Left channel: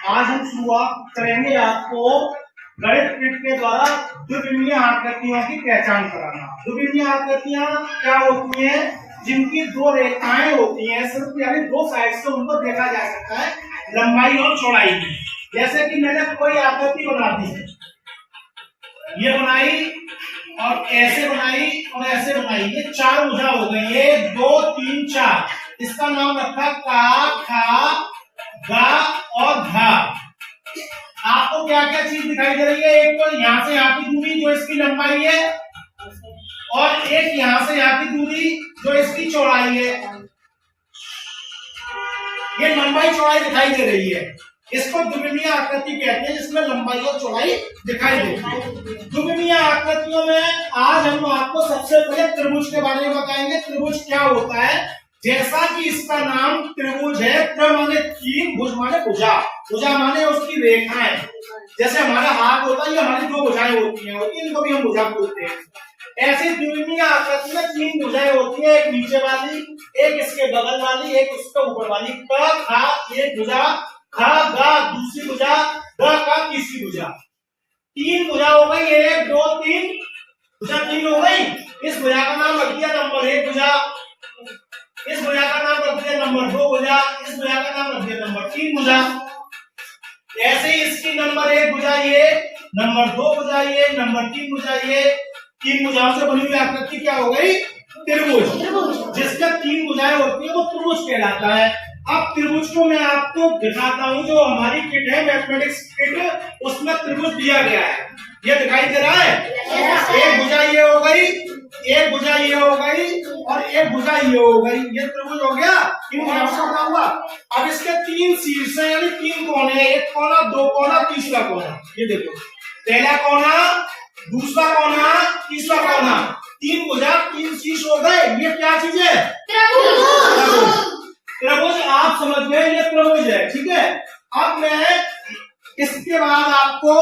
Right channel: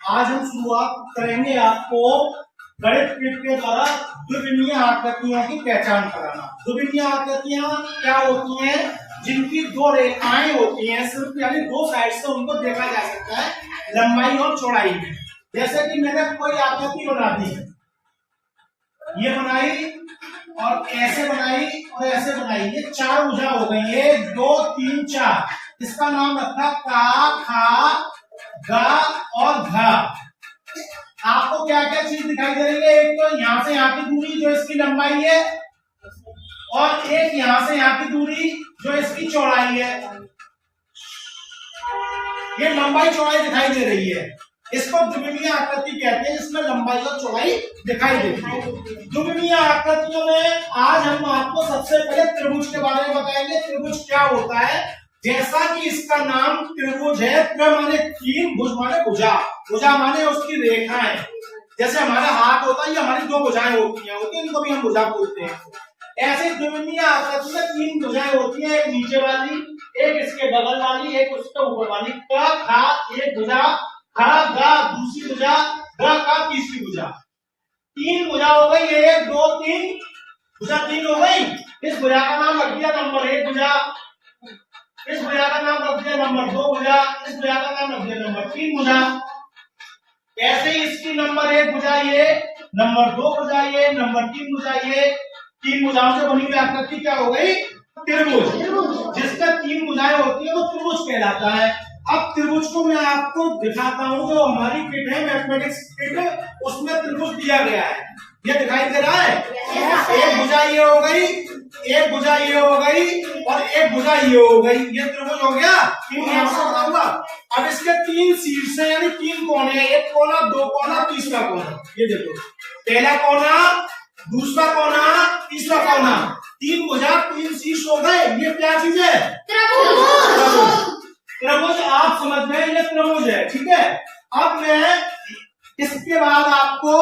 आज हम शुरुआत करेंगे आपको गणित ट्रिक के द्वारा द्विविमीय आकृतियों की पहचान कराना। द्विविमीय आकृतियां क्या होती हैं? जिनकी दो रेखाएं होती हैं, सिर्फ यानी दो साइड से उनको देखा जा सकता है, लंबाई और चौड़ाई में। जैसे कि मैंने कोई आकृति बना दी, ये बनाई और ऐसे बनाई और ऐसे बनाई, ये चार भुजा हो गई, 1 2 3 4। इसका नाम रखा का, खा, गा और घा। आपको क्या क्या चीज दिखाई दे रही है? एक तो यहाँ से यहाँ की दूरी जो इसकी लंबाई है, और एक यहाँ से यहाँ की दूरी जो इसकी चौड़ाई है। ये लंबाई चौड़ाई दिखाई दे रही है, इसको द्विविमीय आकृति कहते हैं, जिसमें लंबाई और चौड़ाई दिखाई देती है। द्विविमीय आकृतियों में आज हम आपको सबसे पहले त्रिभुज के बारे में बताएंगे। त्रिभुज क्या होता है? जैसा कि इसका नाम त्रिभुज है, त्रि माने तीन, भुज माने भुजा, भुजा माने उसकी रेखाएं। जैसे हमारा हाथ होता है, ये हमारी दो भुजाएं होती हैं, इनको भी हम भुजा बोलते हैं। ऐसे द्विविमीय आकृति में तीन भुजाएं होती हैं, एक नीचे वाली, एक इसके बगल वाली, एक उसके ऊपर वाली। क खा एक भुजा, खा गा दूसरी भुजा, ग का तीसरी भुजा। तीन भुजा हो गई, 1 2 3 भुजा तीन हो गई। इस भुजा का नाम रख दिया नंबर 1 भुजा, इस भुजा का नाम रख दिया नंबर 2 भुजा, इस भुजा का नाम रख दिया नंबर 3 भुजा। ऐसे ही इसकी नंबर 1 भुजा ये, नंबर 2 भुजा ये, नंबर 3 भुजा ये। तीन भुजाओं से बनी हुई आकृति क्या हो गई? त्रिभुज। जिसका तीन भुजाएं होती है वो त्रिभुज कहलाता है। अब त्रिभुज को मैं आपको दिखाता हूं, जो हमारी किट है मैथमेटिक्स किट, उसमें त्रिभुज दिया गया है। ये दिखाई दे रहा है? एक भुजा ये हो गई, एक भुजा ये हो गई और एक भुजा ये हो गई। ये त्रिभुज हो गया, तीन भुजाओं से बना हुआ। अब इसके तीन शीर्ष हैं, यानी तीन कोने, एक कोना, दो कोना, तीसरा कोना। ये देखो, पहला कोना, दूसरा कोना, तीसरा कोना। तीन भुजा तीन शीर्ष हो गए। ये क्या चीज है? त्रिभुज। त्रिभुज आप समझ गए, ये त्रिभुज है, ठीक है। अब मैं इसके बाद आपको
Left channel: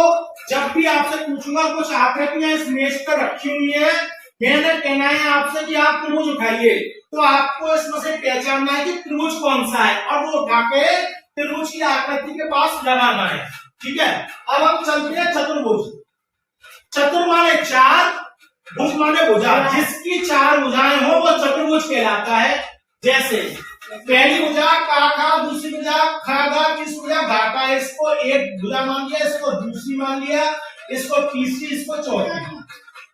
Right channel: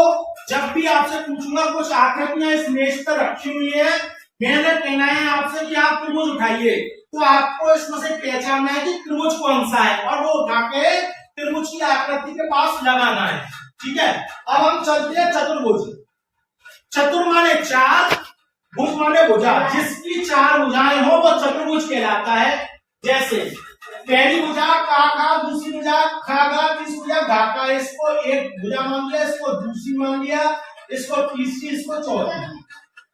जब भी आपसे पूछूंगा, कुछ आकृतियां इस मेज पर रखी हुई है, मैंने कहना है आपसे कि आप त्रिभुज उठाइए, तो आपको इसमें से पहचानना है कि त्रिभुज कौन सा है, और वो उठा के त्रिभुज की आकृति के पास लगाना है, ठीक है। अब हम चलते हैं चतुर्भुज। चतुर माने चार, भुज माने भुजा। जिसकी चार भुजाएं हो वो चतुर्भुज कहलाता है। जैसे पहली भुजा का खा, दूसरी भुजा खा गा, तीसरी भुजा घा का। इसको एक भुजा मान लिया, इसको दूसरी मान लिया, इसको तीसरी, इसको चौथी।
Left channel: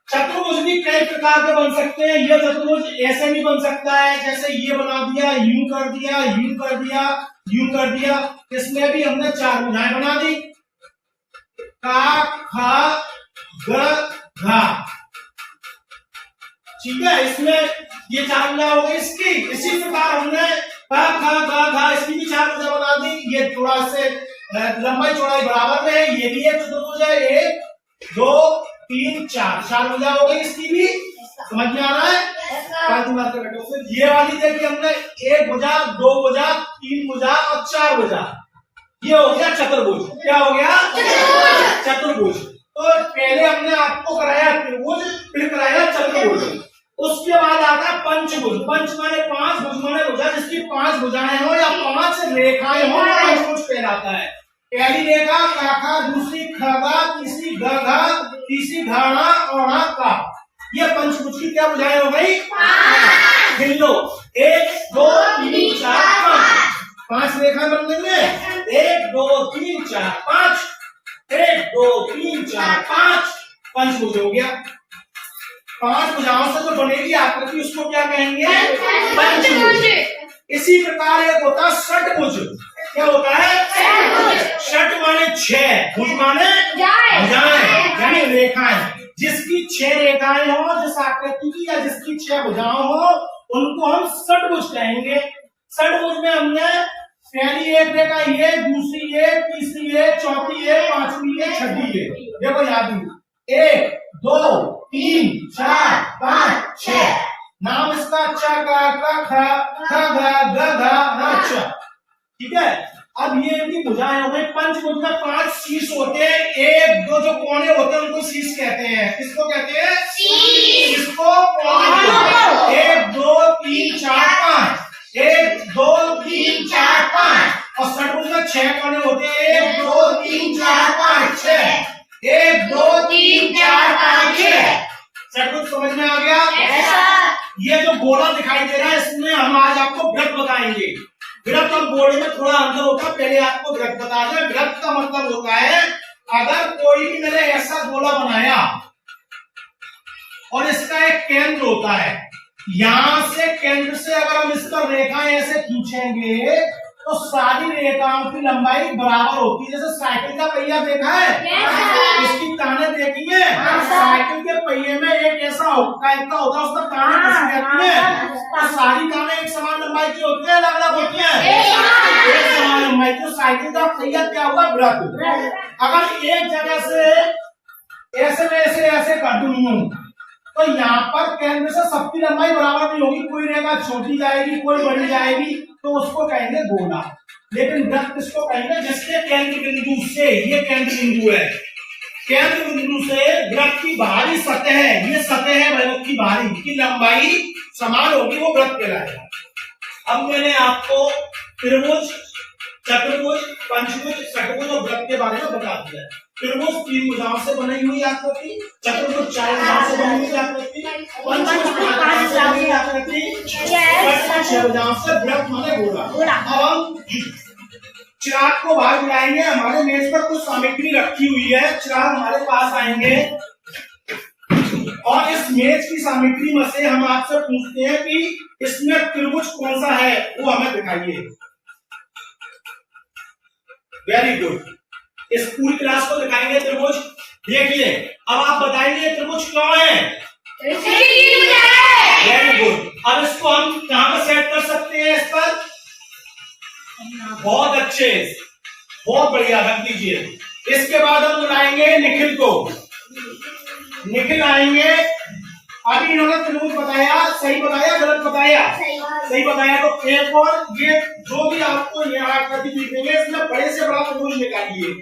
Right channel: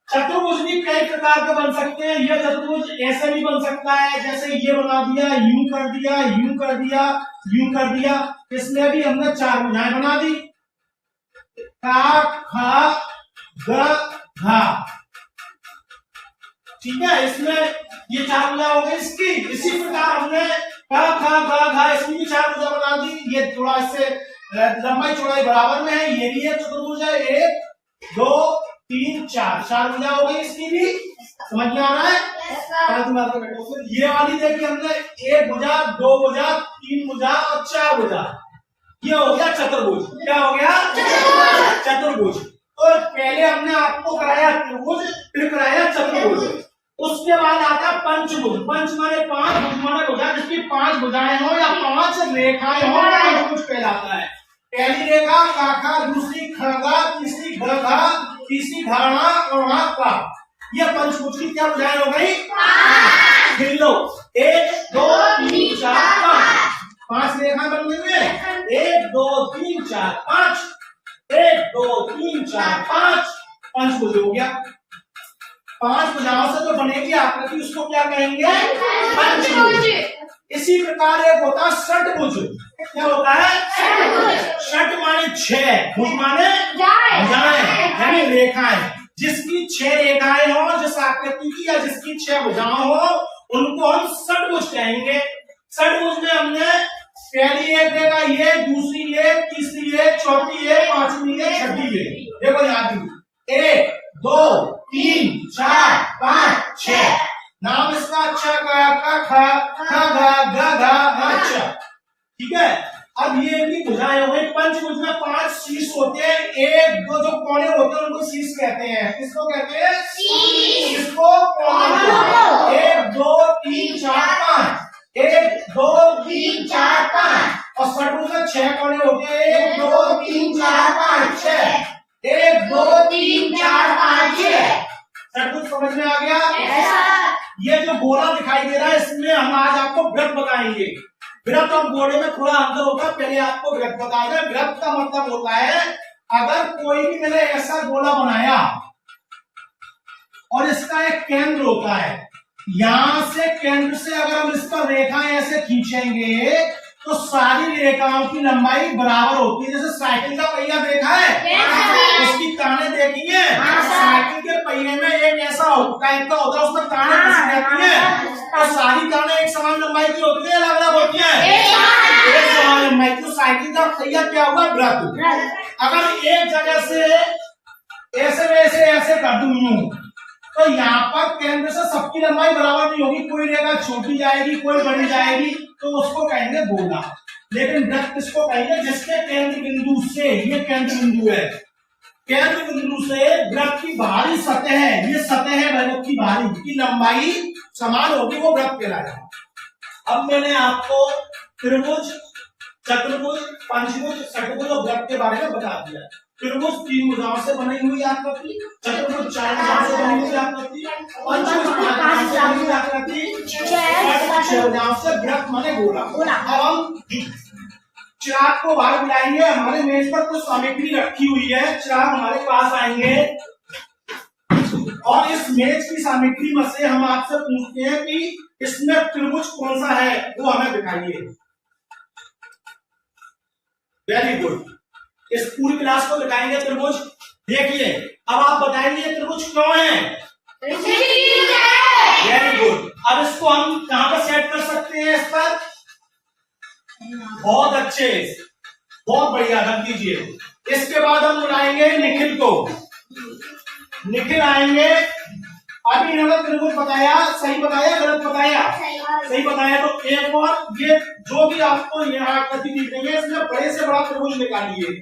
चतुर्भुज भी कई प्रकार के बन सकते हैं। यह चतुर्भुज ऐसे भी बन सकता है, जैसे ये बना दिया, यूं कर दिया, यूं कर दिया, यूं कर दिया। इसमें भी हमने चार भुजाएं बना दी, का खा ग घा, ठीक है। इसमें ये चार भुजा हो गई इसकी। इसी प्रकार हमने का खा गा घा, इसकी भी चार भुजा बना दी। ये थोड़ा से लंबाई चौड़ाई बराबर में है, ये भी एक चतुर्भुज है। 1 2 3 4, चार भुजा हो गई इसकी भी। समझ में आ रहा है? पांच मार के बैठो। फिर ये वाली देखिए, हमने एक भुजा, दो भुजा, तीन भुजा और चार भुजा। ये हो गया चतुर्भुज। क्या हो गया? चतुर्भुज। तो पहले हमने आपको कराया त्रिभुज, फिर कराया चतुर्भुज। उसके बाद आता है पंचभुज। पंच माने पांच, भुज माने भुजा। जिसकी पांच भुजाएं हो या पांच रेखाएं हो वो पंचभुज कहलाता है। पहली रेखा काखा, दूसरी खगा, तीसरी गघा, तीसरी घाना और का। ये पंचभुज की क्या भुजाएं हो गई? गिन लो, 1 2 3 4 5। पांच रेखा बन गई, 1 2 3 4 5, 1 2 3 4 5, पंचभुज हो गया। पांच भुजाओं से जो बनेगी आकृति उसको क्या कहेंगे? पंचभुज। इसी प्रकार एक होता है षटभुज। क्या होता है? षट माने 6, भुज माने भुजाएं यानी रेखाएं। जिसकी 6 रेखाएं हो, जिस आकृति की या जिसकी 6 भुजाएं हो, उनको हम षटभुज कहेंगे। षटभुज में हमने पहली एक रेखा ये, दूसरी ये, तीसरी ये, चौथी ये, पांचवी ये, छठी ये। देखो याद 1 2 3 4 5 6। नाम इसका अच्छा का खा गा ग घा अच्छा, ठीक है। अब ये भी भुजाएं हो गई। पंचभुज में 5 शीर्ष होते हैं, 1 2 जो कोने होते हैं उनको शीर्ष कहते हैं। किसको कहते हैं? किसको? कोने। 1 2 3 4 5, 1 2 3 4 5। और षटभुज में 6 कोने होते हैं, 1 2 3 4 5 6, 1 2 3 4 5 6। षटभुज समझ में आ गया? ये जो गोला दिखाई दे रहा है इसमें हम आज आपको वृत्त बताएंगे। वृत्त और गोले में थोड़ा अंतर होता है, पहले आपको वृत्त बता दें। वृत्त का मतलब होता है अगर कोई भी मैंने ऐसा गोला बनाया और इसका एक केंद्र होता है, यहां से केंद्र से अगर हम इस पर रेखाएं ऐसे खींचेंगे तो सारी रेखाओं की लंबाई बराबर होती है। जैसे साइकिल का पहिया देखा है, उसकी ताने देखी है, साइकिल के पहिए में एक ऐसा टाइप का होता है, उसमें ताने फंसी रहती है, तो सारी ताने एक समान लंबाई की होती है, अलग अलग होती है, एक समान लंबाई की। तो साइकिल का पहिया क्या हुआ? वृत्त। अगर एक जगह से ऐसे में ऐसे कर दूं यूं, तो यहाँ पर केंद्र से सबकी लंबाई बराबर नहीं होगी, कोई रेखा छोटी जाएगी कोई बड़ी जाएगी, तो उसको कहेंगे गोला। लेकिन वृत्त किसको कहेंगे? जिसके केंद्र बिंदु से, ये केंद्र बिंदु है, केंद्र बिंदु से वृत्त की बाहरी सतह है, ये सतह है वृत्त की बाहरी की लंबाई समान होगी, वो वृत्त कहलाएगा। अब मैंने आपको त्रिभुज, चतुर्भुज, पंचभुज, षटभुज और वृत्त के बारे में बता दिया। त्रिभुज 3 भुजाओं से बनी हुई आकृति, चतुर्भुज 4 भुजाओं से बनी हुई आकृति, पंचभुज 5 भुजाओं से बनी हुई आकृति, षटभुज 6 भुजाओं से, वृत्त माने गोला। अब हम चिराग को बाहर बुलाएंगे, हमारे मेज पर कुछ सामग्री रखी हुई है, चिराग हमारे पास आएंगे और इस मेज की सामग्री में से हम आपसे पूछते हैं कि इसमें त्रिभुज कौन सा है, वो हमें दिखाइए। वेरी गुड, इस पूरी क्लास को दिखाएंगे त्रिभुज। देखिए अब आप बताएंगे त्रिभुज क्यों है? Very good. अब इसको हम कहां पर सेट कर सकते हैं? इस पर बहुत अच्छे, बहुत बढ़िया, रख दीजिए। इसके बाद हम बुलाएंगे निखिल को। निखिल आएंगे। अभी इन्होंने त्रिभुज बताया, सही बताया गलत बताया? सही बताया। तो एक और ये जो भी आपको यहाँ आकृति दिखेंगे, इसमें बड़े से बड़ा त्रिभुज निकालिए।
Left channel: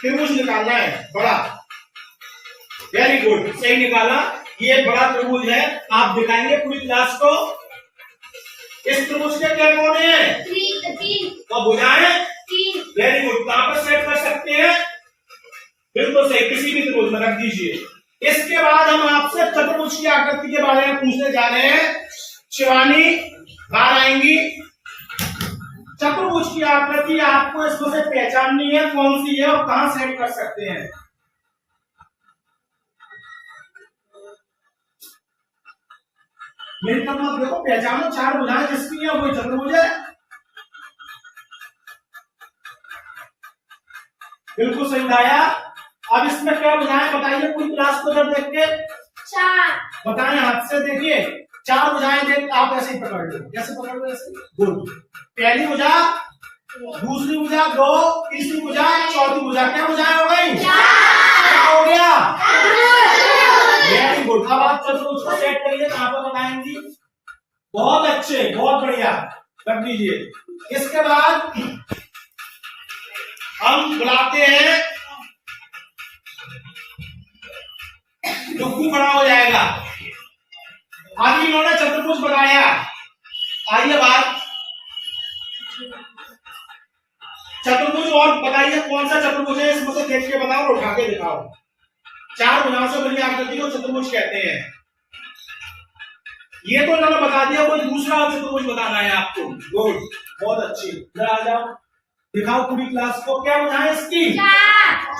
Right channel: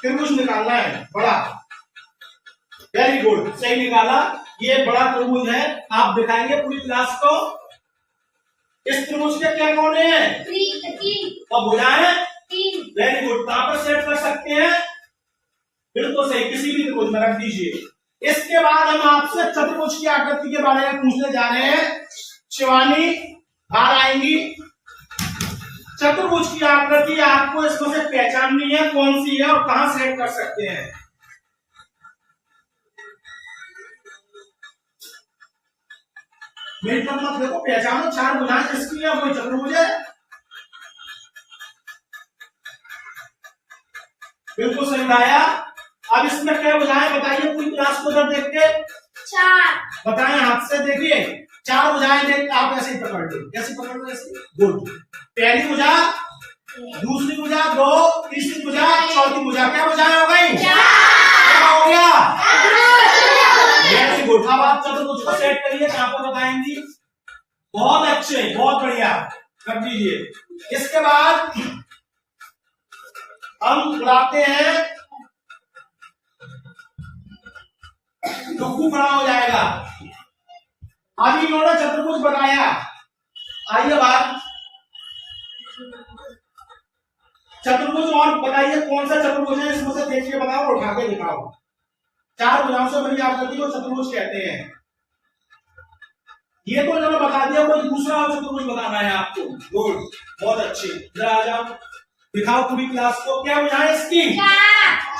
त्रिभुज निकालना है बड़ा। वेरी गुड, सही निकाला। ये बड़ा त्रिभुज है, आप दिखाएंगे पूरी क्लास को। इस त्रिभुज के क्या कोने हैं? 3 और भुजाएं 3। वेरी गुड, कहां पर सेट कर सकते हैं? बिल्कुल सही, किसी भी त्रिभुज में रख दीजिए। इसके बाद हम आपसे चतुर्भुज की आकृति के बारे में पूछने जा रहे हैं। शिवानी बाहर आएंगी। चतुर्भुज की आकृति आपको इसमें से पहचाननी है कौन सी है और कहां सेट कर सकते हैं। मेरी तरफ मत देखो, पहचानो। 4 भुजाएं जिसकी है वही चतुर्भुज है। बिल्कुल सही बताया। अब इसमें क्या बुझाएं बताइए पूरी क्लास को जब देख के? 4 बताएं, हाथ से देखिए। 4 बुझाएं देख, आप ऐसे ही पकड़ लो, जैसे पकड़ लो ऐसे। गुड। पहली बुझा, दूसरी बुझा 2, तीसरी बुझा, चौथी बुझा। क्या बुझाएं हो गई? क्या हो गया? Very good. अब आप चतुर्भुज को सेट करिए, कहां पर बताएंगी? बहुत अच्छे, बहुत बढ़िया, कर दीजिए। इसके बाद हम बुलाते हैं, डुग्गू खड़ा हो जाएगा। अभी इन्होंने चतुर्भुज बनाया, आइए बात। चतुर्भुज और बताइए कौन सा चतुर्भुज है, इसमें से देख के बताओ और उठा के दिखाओ। 4 भुजाओं से बनी आकृति को चतुर्भुज कहते हैं। ये तो इन्होंने बता दिया, कोई दूसरा चतुर्भुज बताना है आपको। गुड, बहुत अच्छी। जरा आ जाओ, दिखाओ पूरी क्लास को। क्या बुझाएं इसकी?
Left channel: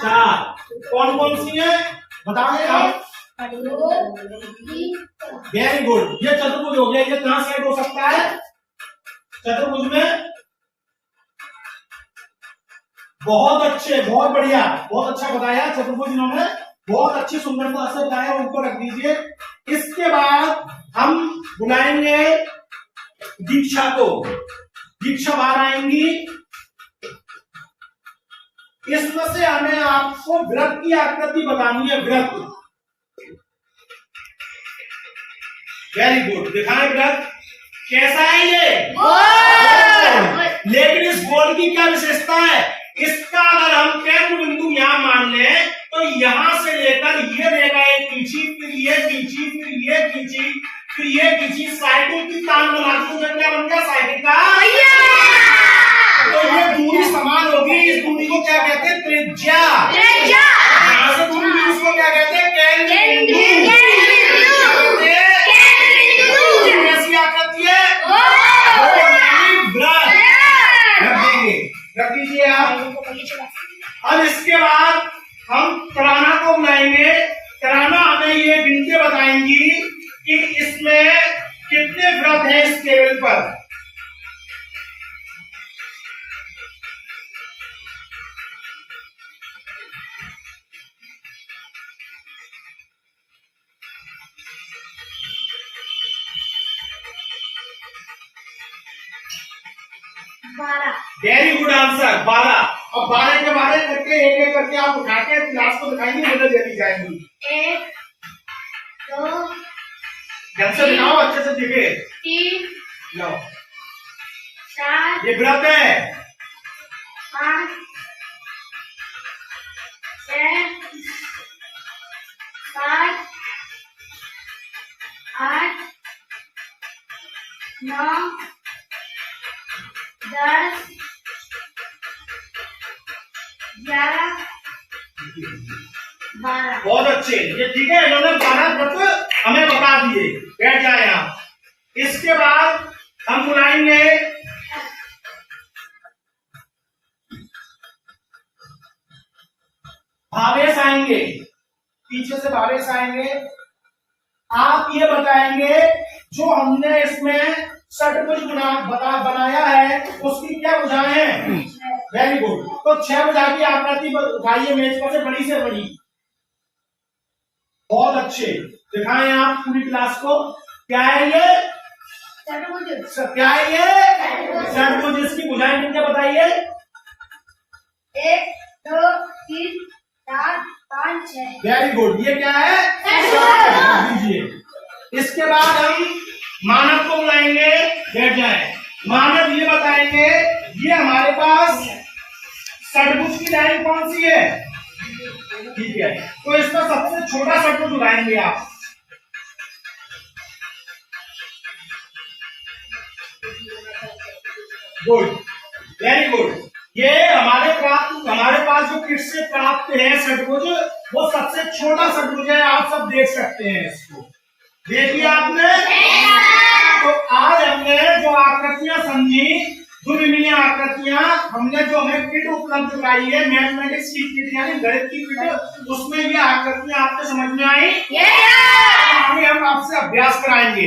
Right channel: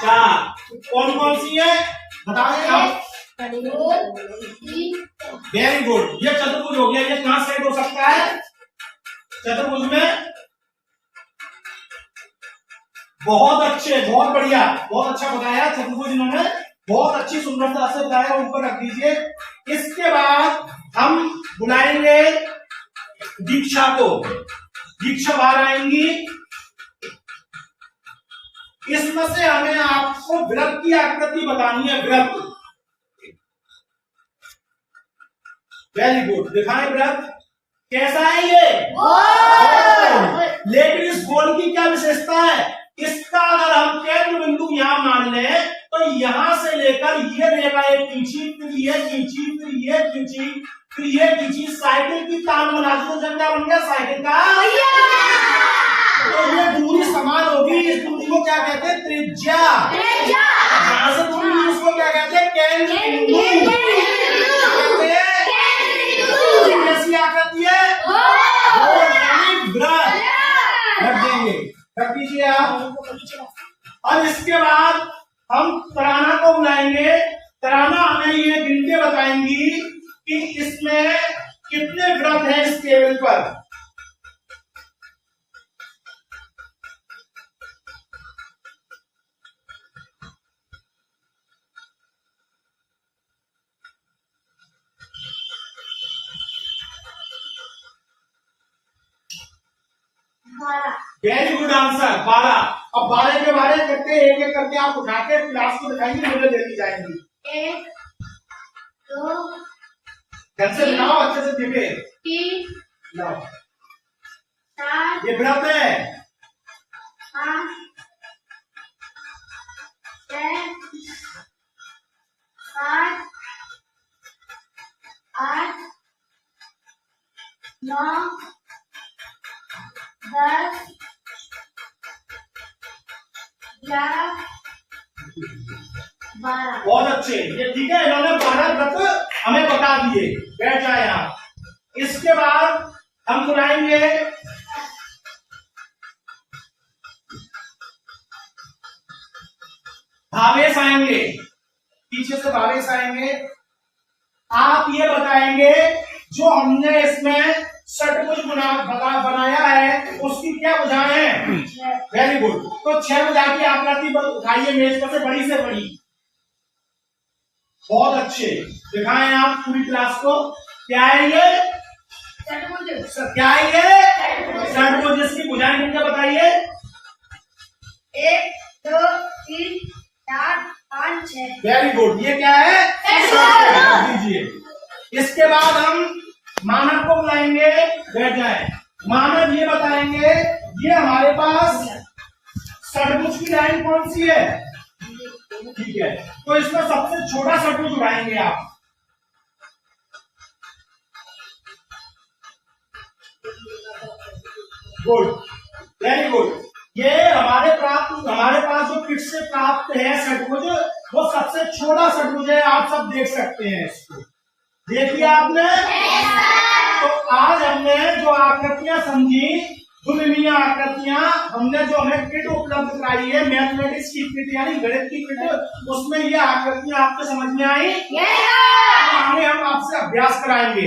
4। कौन कौन सी है बताओ आप। वेरी गुड, ये चतुर्भुज हो गया। ये कहां सेट हो सकता है चतुर्भुज में? बहुत अच्छे, बहुत बढ़िया, बहुत अच्छा बताया। चतुर्भुज इन्होंने बहुत अच्छी सुंदरता से बताया, ऊपर रख दीजिए। इसके बाद हम बुलाएंगे दीक्षा को। दीक्षा बाहर आएंगी। इसमें से हमें आपको वृत्त की आकृति बतानी है। वृत्त, वेरी गुड, दिखाएं वृत्त कैसा है ये? लेकिन इस गोल की क्या विशेषता है? इसका अगर हम केंद्र बिंदु यहां मान लें तो यहां से लेकर ये रेखा एक खींची, फिर ये खींची, फिर ये खींची, फिर ये खींची, साइकिल की तान बना दी तो क्या बन गया? साइकिल का पहिया। त्रिज्या। यहाँ से तुम भी उसको क्या कहते हैं? केंद्र कैसी आकृति है? वृत्त। रख देंगे, रख दीजिए आप। अब इसके बाद हम तराना को बुलाएंगे। तराना हमें ये गिनते बताएंगी कि इसमें कितने वृत्त हैं इस टेबल पर। Very good answer, 12। अब 12 के 12 करके एक एक करके आप उठा के क्लास को दिखाएंगे, मुझे देती जाएंगी। 1 2 ढंग से दिखाओ, अच्छे से दिखे। 3 लो 4 ये व्रत है। 5 6 7 8 9 10 11 12। बहुत अच्छे, ये ठीक है। इन्होंने 12 व्रत हमें बता दिए। बैठ जाए आप। इसके बाद हम बुलाएंगे भावेश आएंगे, पीछे से भावेश आएंगे। आप ये बताएंगे जो हमने इसमें षटभुज बनाया है उसकी क्या भुजाएं हैं? Very good. तो 6 भुजा की आकृति उठाइए मेज पर से, बड़ी से बड़ी। बहुत अच्छे, दिखाएं आप पूरी क्लास को। क्या है ये? क्या है ये? षटभुज। इसकी भुजाएं कितने बताइए? 1 2 3 4 5 6। Very good. ये क्या है? दीजिए। इसके बाद हम मानव को बुलाएंगे। बैठ जाए। मानव ये बताएंगे ये हमारे पास षटभुज की लाइन कौन सी है? ठीक है, तो इसमें सबसे छोटा षटभुज उठाएंगे आप। Good, very good. ये हमारे पास जो किट से प्राप्त है षटभुज, वो सबसे छोटा षटभुज है। आप सब देख सकते हैं इसको। देखिए आपने। तो आज हमने जो आकृतियां समझी, द्विमीमीय आकृतियां, हमने जो हमें किट उपलब्ध कराई है, मैथमेटिक्स की किट यानी गणित की किट, उसमें ये आकृतियां आपको समझ में आई। आगे हम आपसे अभ्यास कराएंगे।